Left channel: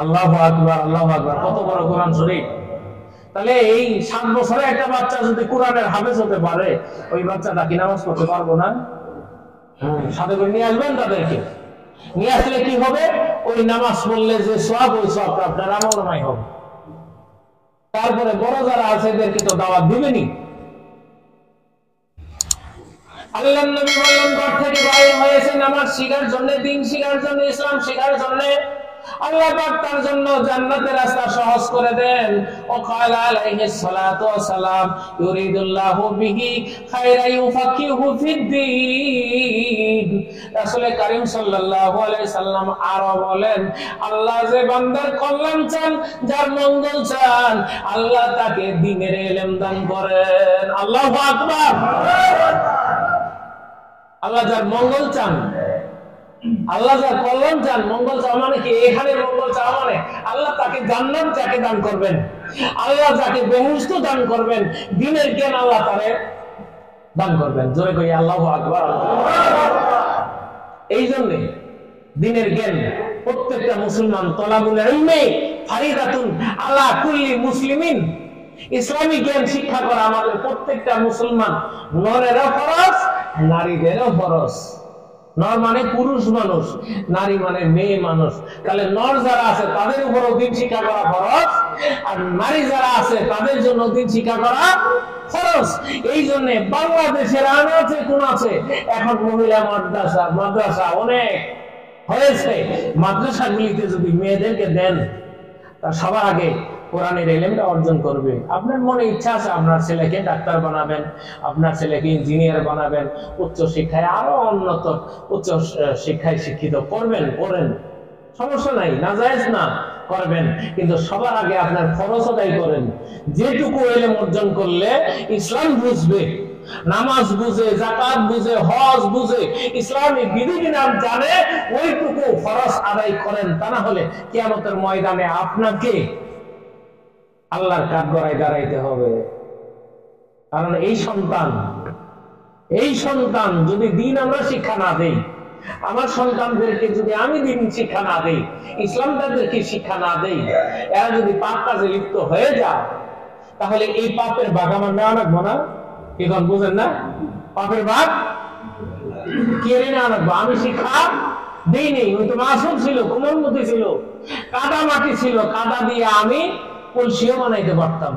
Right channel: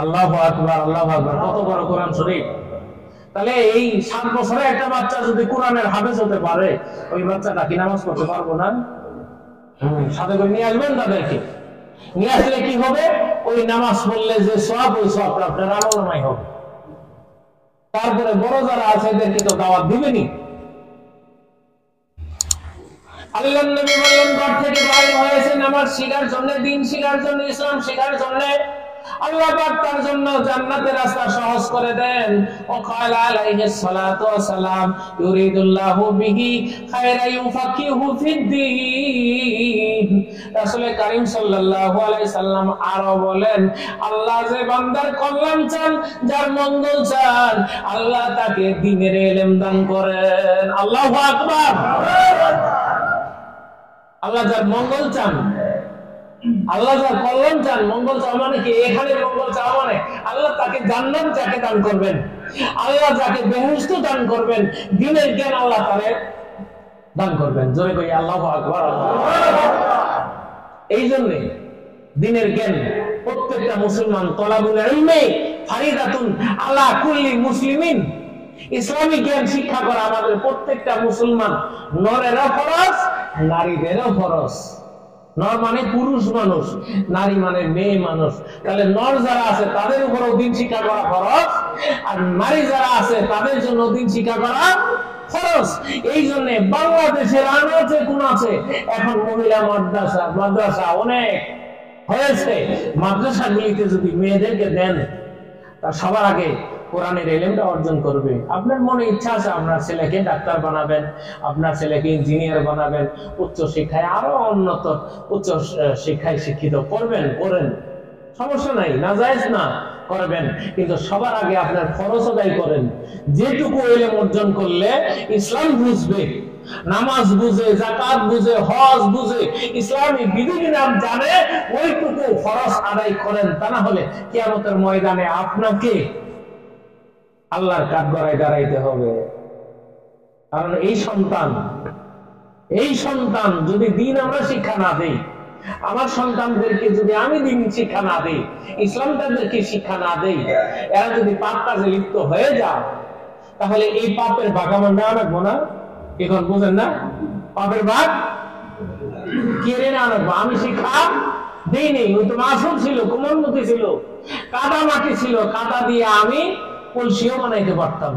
আল্লাহু আকবার, আল্লাহু আকবার, কত বড় কোরআন শরীফ। তাহলে এই 7 বছরের একটা বাচ্চা যদি কোরআনের হাফেজ হতে পারে, ওই বাচ্চাটা কি নামাজ পড়তে পারবো না? সাথে করে নিয়ে আসবেন তাদেরকে। নিয়ে আসলে কি হবে? ওই নামাজ পড়লে যে সওয়াব, ওই সওয়াবটা আপনার আমলনামায় হবে। তারপরে বড় যারা আছে এদেরকে তো দাওয়াত দিবেনই। আল্লাহর নবী বললেন, ঘর থেকে বাইরে হয়েছে নামাজ শিখার জন্য, দিন শিখার জন্য, ইসলাম শিখার জন্য। আল্লাহ পাক তার জন্য জান্নাতের রাস্তা সহজ করে দেন। ও ক্বালা আলাইহিস সালাতু ওয়াস সালাম, ইউরিদুল্লাহু বিহি খায়রা ইউফাকিহু ফিদ্দীন। রাসূল কারীম সাল্লাল্লাহু আলাইহি সাল্লাম আরো বলেন, আল্লাহ যে বান্দার কল্যাণ চান, যার মঙ্গল চান, আল্লাহ তাকে দ্বীনের ইলম দান করেন। আল্লাহু আকবার। আল্লাহ যার মঙ্গল চান, আল্লাহ যার কল্যাণ চান, মঙ্গল চাওয়া মানে কি? এখানে মঙ্গল চাওয়া মানে আল্লাহ তাকে জান্নাত যাকে দান করবেন, আল্লাহ যাকে বেহেশত দান করবেন, দ্বীনের জ্ঞান আল্লাহ তারে দান করবেন। জোরে কই আল্লাহু আকবার। এই জন্য দ্বীনের জ্ঞান প্রত্যেকটা মুসলমান, তলাবুল ইলমি ফারিদাতুন আলা কুল্লি মুসলিমিন। ইসলামিক জ্ঞান শিক্ষা করা আমাদের প্রত্যেকটা মুসলমান, নরেরও ফরজ, নারীদেরও ফরজ। নর মানে পুরুষ মানুষ, নারী মানে মেয়ে মানুষ। তাহলে নর যারা আছে তাদের উপরও দিন শিক্ষা করা ফরজ, আর নারী যারা আছে তাদের জন্য দিন শিক্ষা করা ফরজ। এই জন্য বাংলাদেশের আনাচে কোনাচে এখন মহিলা মাদ্রাসা অনেক হয়েছে। মাদ্রাসাগুলিতে যদি মেয়েদেরকে দেন, তার সবার আগে কোরআনের ইলমটা অর্জন করবে। আপনার মনে ইচ্ছা আছে আপনার ছেলেকে ডাক্তার বানাবেন, আপনার ছেলেকে ইঞ্জিনিয়ার বানাবেন, উচ্চ শিক্ষায় আরো উন্নত উচ্চ শিক্ষায় শিক্ষিত করবেন, করেন, সমস্যা নাই, নাজায়েজ না, করবেন। কিন্তু সবার আগে আপনার ফরজ আদায় করেন। যেটুকু ইলম অর্জন করলে ইসলাম বুঝবে, নামাজ বুঝে, যাকাত বুঝে, হজ বুঝে, ইসলামী বিধিবিধান জানে, ওইটুকু ফরজ আদায় করেন। তা না হলে কিয়ামতের ময়দানে আপনাকে আল্লাহর কাঠগড়ায় দাঁড়াইতে হবে। কারণ এই সন্তান যদি দিন আমরা শিক্ষা না দেই, আমার সন্তানদেরকে যদি আমি দিন শিক্ষা না দেই, ইসলাম তাদেরকে শিক্ষা না দেই, এরা যদি পাপ কাজে লিপ্ত হয়ে যায়, তাহলে এই পাপের ভাগ আমার নেওয়া লাগবো না? এখন বুঝেন না? পাপের ভাগ কেড়ে নেওয়া লাগবো। আমি শিক্ষা দিইনি, ওই তো মাসুম ছিল, কোমলমতি ছিল, কাদা মাটি ছিল, কাদা দিয়ে আমি কলসিও বানাইতে পারতাম।